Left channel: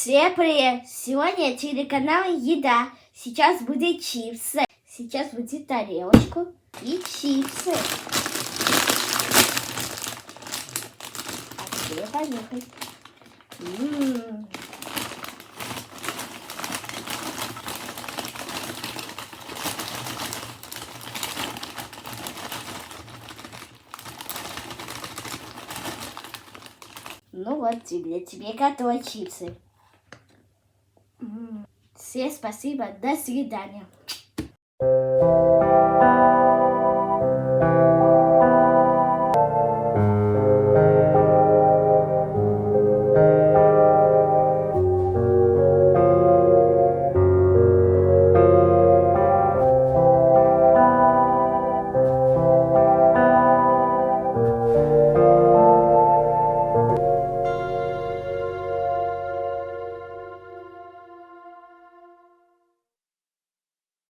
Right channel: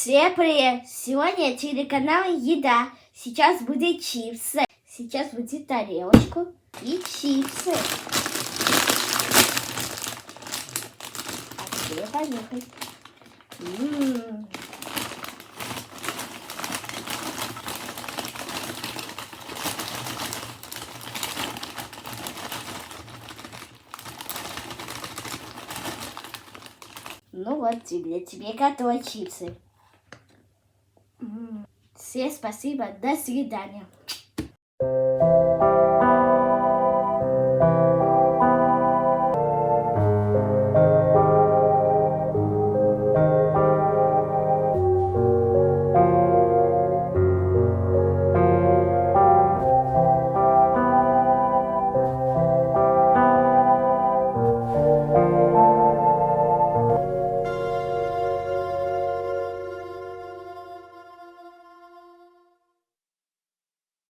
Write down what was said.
Всем привет! Сегодня телеканал Еда. Сейчас будет чипсы. Сейчас будет тарелочку и чипсы. А теперь поехали. Ну вот, тебе готовы чипсы. Всем спасибо, до свидания.